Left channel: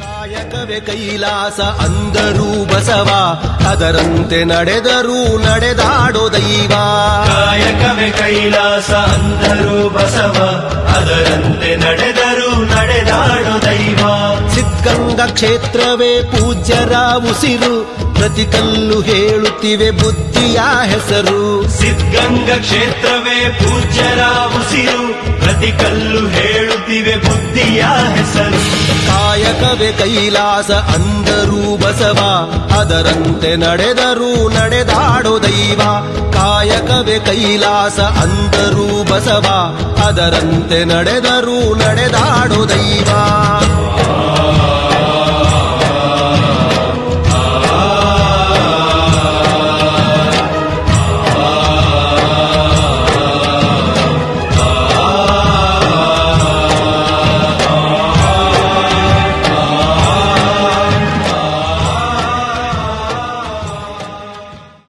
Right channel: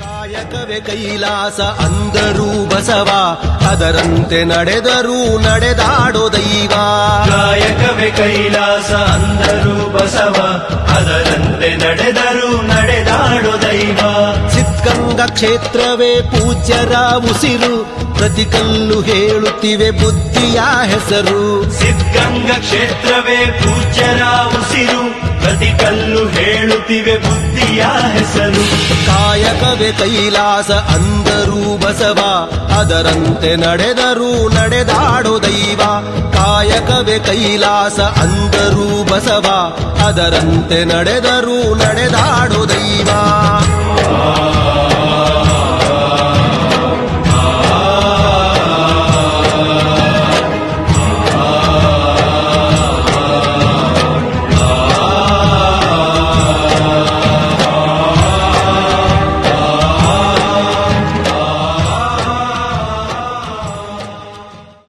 ಕಾಯಕವೇ ಕೈಲಾಸ ಅಂದರೂ ಬಸವ ಅದರಂತೆ ನಡೆದರೂ ನಡೆದಾಡೋ ದೈವ ಕಾಯಕವೇ ಕೈಲಾಸ ಅಂದರೂ ಬಸವ ಅದರಂತೆ ನಡೆದರೂ ನಡೆದಾಡೋ ದೈವ ಸಿದ್ಧಗಂಗಾ ಕ್ಷೇತ್ರವೇ ಪೂಜ್ಯರ ಉಸಿರು ಪ್ರತಿ ಕಲ್ಲು ಹೇಳುತ್ತಿವೆ ಬುದ್ಧಿಯ ಹೆಸರು ಸಿದ್ಧಗಂಗಾ ಕ್ಷೇತ್ರವೇ ಪೂಜ್ಯ ಹೇಳುತ್ತಿವೆ ಹೆಸರು ಕಾಯಕವೇ ಕೈಲಾಸ ಅಂದರೂ ಬಸವ ಅದರಂತೆ ನಡೆದರೂ ನಡೆದಾಡೋ ದೈವ ಕಾಯಕವೇ ಕೈಲಾಸ ಅಂದರೂ ಬಸವ ಅದರಂತೆ ನಡೆದರೂ ನಡೆದಾಡೋ ದೈವ